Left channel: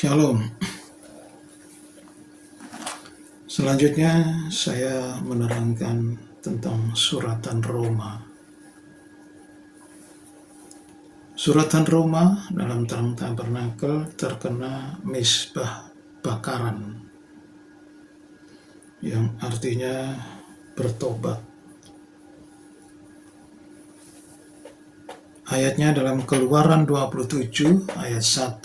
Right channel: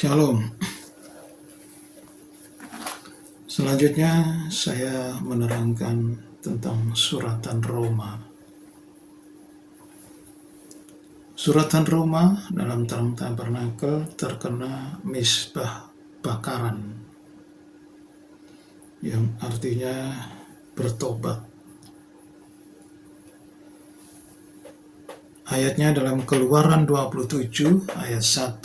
Shalom. Selanjutnya saya menerangkan tentang suratan Roma. Suratan Roma dalam terang tabernakel terkena misbah bakaran, yang artinya bertobat. Ayatnya dalam Keluaran 27 ayat 1-8.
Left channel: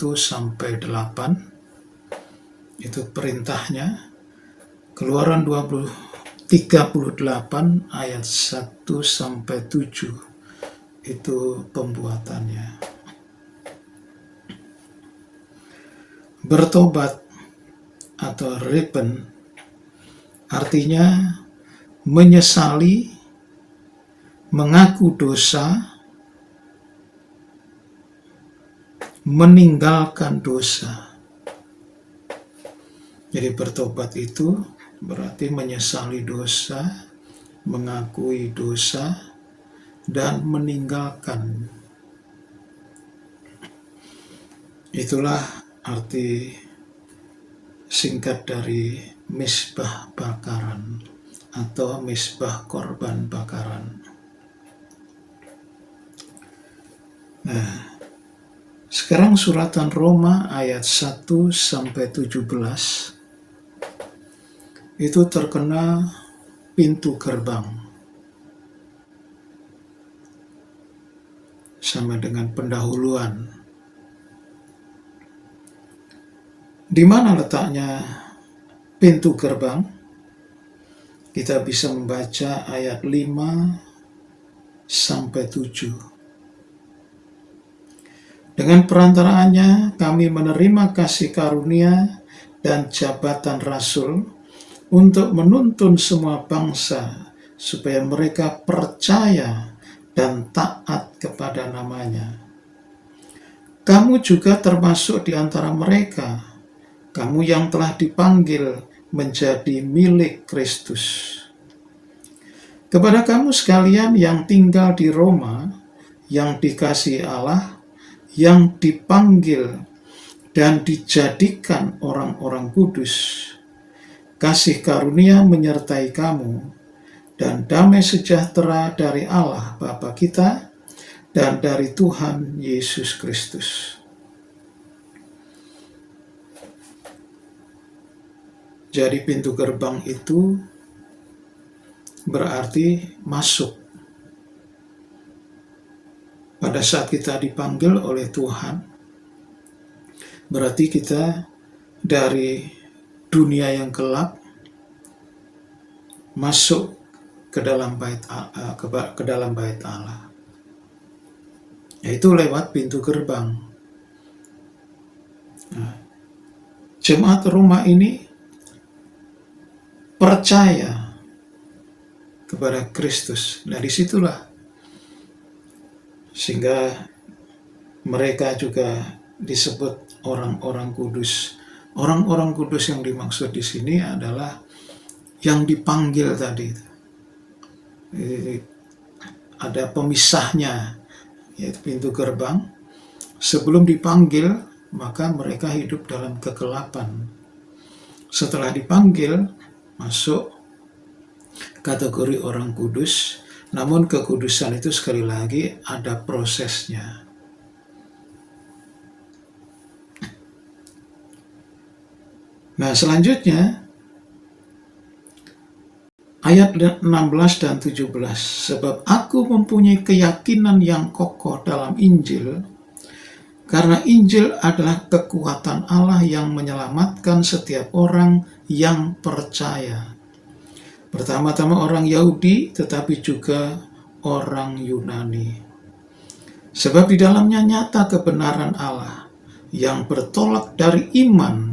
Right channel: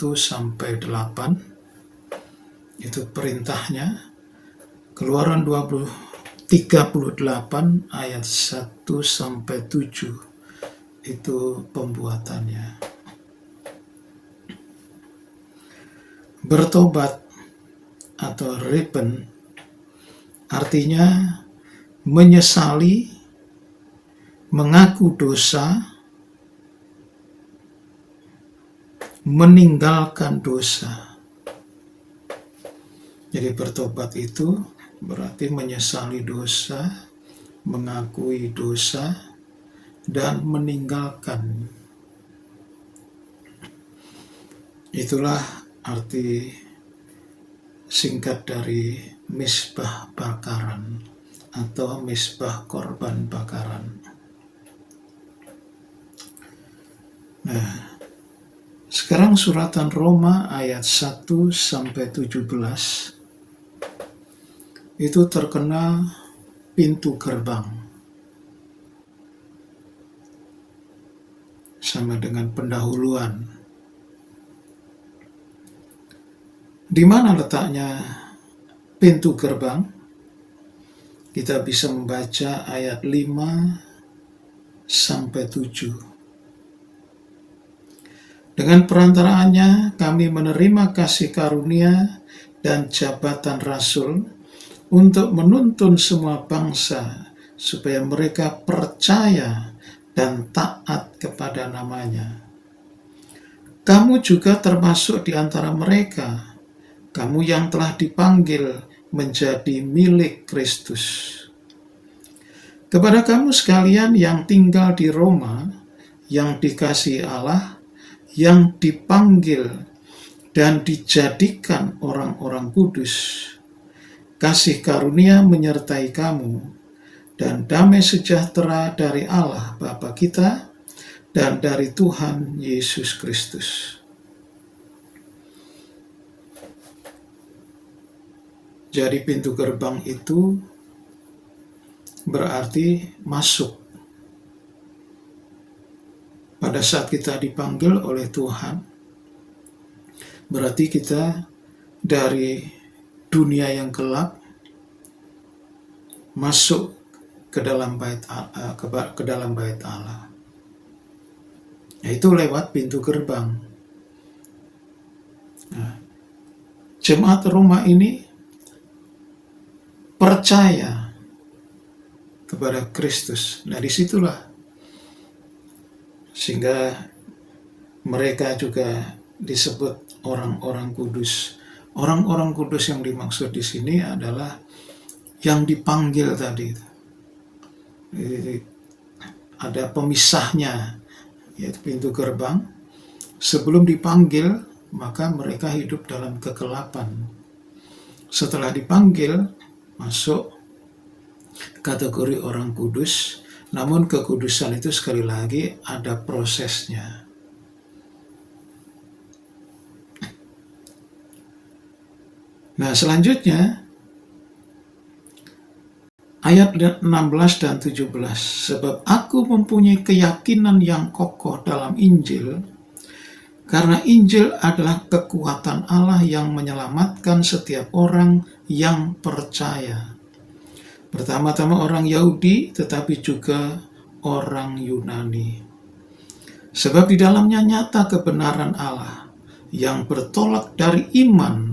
Itu perintahnya. Keluaran 38 ayat 1-7. Itu pembuatannya. Bertobat atau repent artinya menyesali, mengaku dosa, meninggalkan dosa. Jadi bertobat itu berarti menyesali dosa, mengakui dosa, dan meninggalkan. Itulah arti singkat dari misbah bakaran atau misbah korban bakaran. Nah, sekarang suratan Roma ayat 1-17 itu terkena pintu gerbang, sama dengan pendahuluan. Di mana letaknya pintu gerbang? Kita bisa membaca ayat 5-7. Dengan perantaraannya kami menerima kasih karunia dan jabatan rasul untuk menuntun semua bangsa supaya mereka percaya dan taat kepada namanya. Kamu juga termasuk di antara mereka, kamu yang telah dipanggil menjadi milik Kristus. Kepada kamu sekalian yang tinggal di Roma, yang dikasihi Allah, yang dipanggil dan dijadikan orang-orang kudus, kasih karunia menyertai kamu, dan damai sejahtera dari Allah Bapa kita dan dari Tuhan Yesus Kristus. Jadi pintu gerbang itu berarti masuk. Pada saat kita dipanggil oleh Tuhan, berarti kita dari dunia yang gelap masuk ke dalam bait Allah. Yaitu lewat pintu gerbang. Nah, jemaat Roma ini percaya kepada Kristus. Nah, disitulah sehingga mereka juga disebut orang-orang kudus. Orang-orang kudus yang dimaksud di sini adalah yang dipanggil tadi. Ada pemisahnya, yaitu pintu gerbang. Sebelum dipanggil, maka mereka hidup dalam kegelapan. Setelah dipanggil, masuk kategori orang kudus. Namun kekudusan itu sekali lagi ada prosesnya. Nah, selanjutnya ayat 16 dan 17. Sebab aku mempunyai keyakinan yang kokoh dalam Injil, karena Injil adalah kekuatan Allah yang menyelamatkan setiap orang yang percaya. Pertama-tama orang Yahudi, tetapi juga orang Yunani. Sebab di dalamnya nyata kebenaran Allah yang bertolak dari iman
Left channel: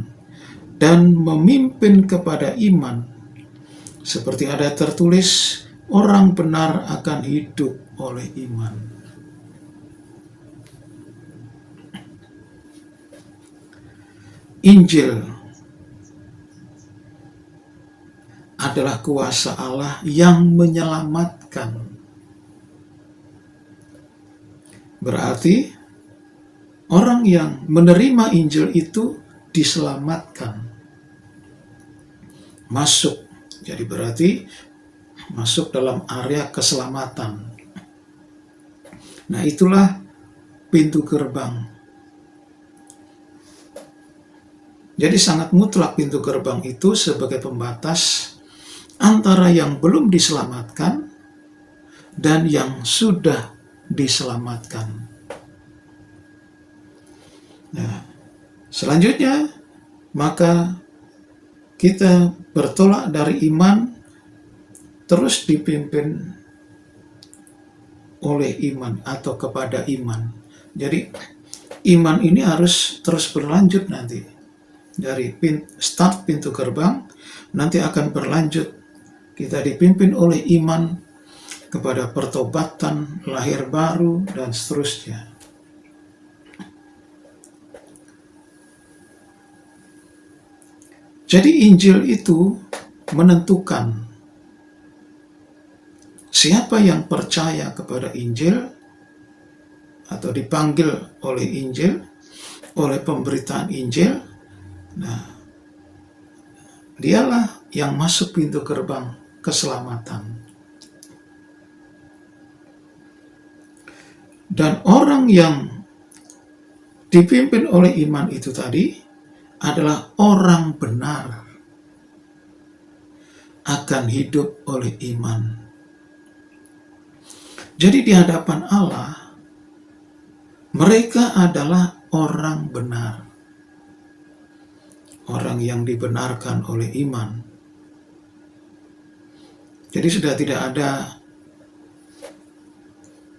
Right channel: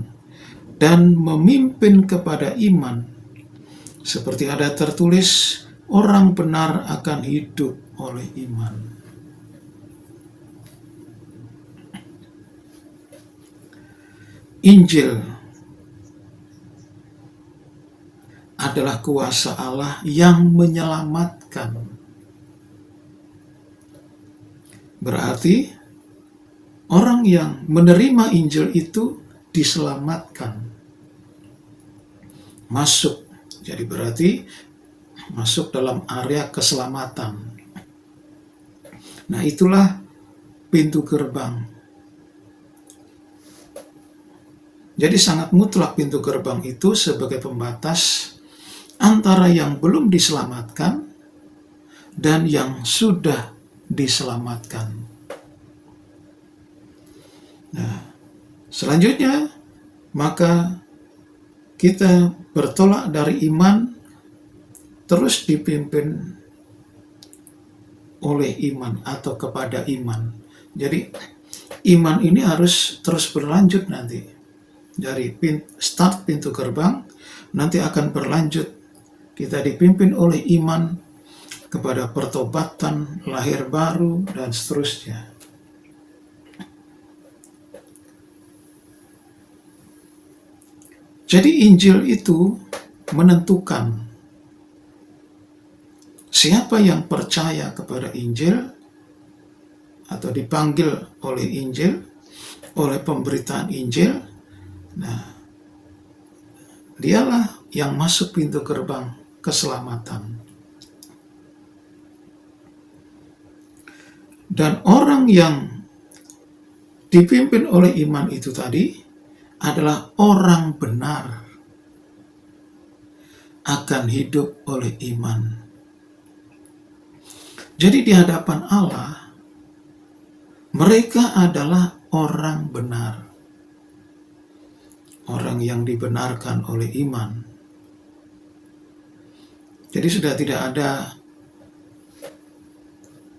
dan memimpin kepada iman. Seperti ada tertulis, orang benar akan hidup oleh iman. Injil adalah kuasa Allah yang menyelamatkan. Berarti orang yang menerima Injil itu diselamatkan. Masuk, jadi berarti masuk dalam area keselamatan. Nah, itulah pintu gerbang. Jadi sangat mutlak pintu gerbang itu sebagai pembatas antara yang belum diselamatkan dan yang sudah diselamatkan. Nah, selanjutnya maka kita bertolak dari iman terus dipimpin oleh iman atau kepada iman. Jadi iman ini harus terus berlanjut nanti. Dari start pintu gerbang nanti akan berlanjut. Kita dipimpin oleh iman kepada pertobatan, lahir baru, dan seterusnya. Jadi Injil itu menentukan siapa yang percaya kepada Injil atau dipanggil oleh Injil, oleh pemberitaan Injil. Nah, dialah yang masuk pintu gerbang keselamatan. Dan orang yang dipimpin oleh iman itu tadi adalah orang benar, akan hidup oleh iman. Jadi di hadapan Allah, mereka adalah orang benar, orang yang dibenarkan oleh iman. Jadi sudah tidak ada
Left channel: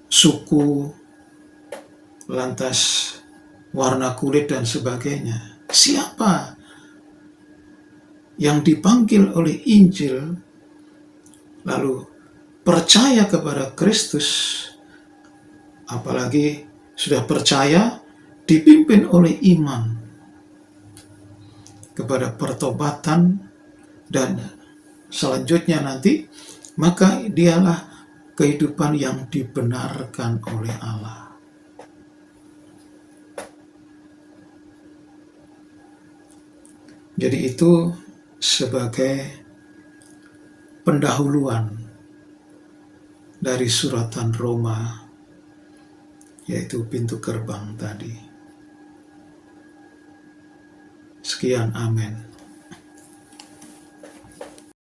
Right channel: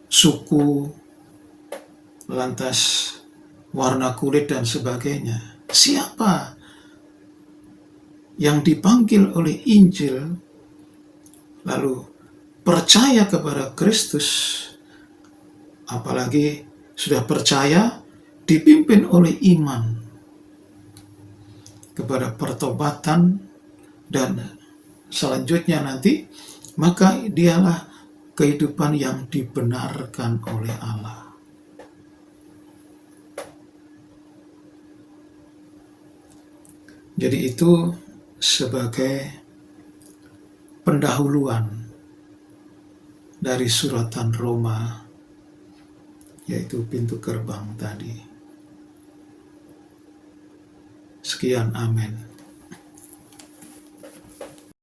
suku, lantas warna kulit dan sebagainya. Siapa yang dipanggil oleh Injil lalu percaya kepada Kristus, apalagi sudah percaya dipimpin oleh iman kepada pertobatan dan selanjutnya nanti, maka dialah kehidupan yang dibenarkan oleh Allah. Jadi itu sebagai pendahuluan dari suratan Roma, yaitu pintu gerbang tadi. Sekian, amin.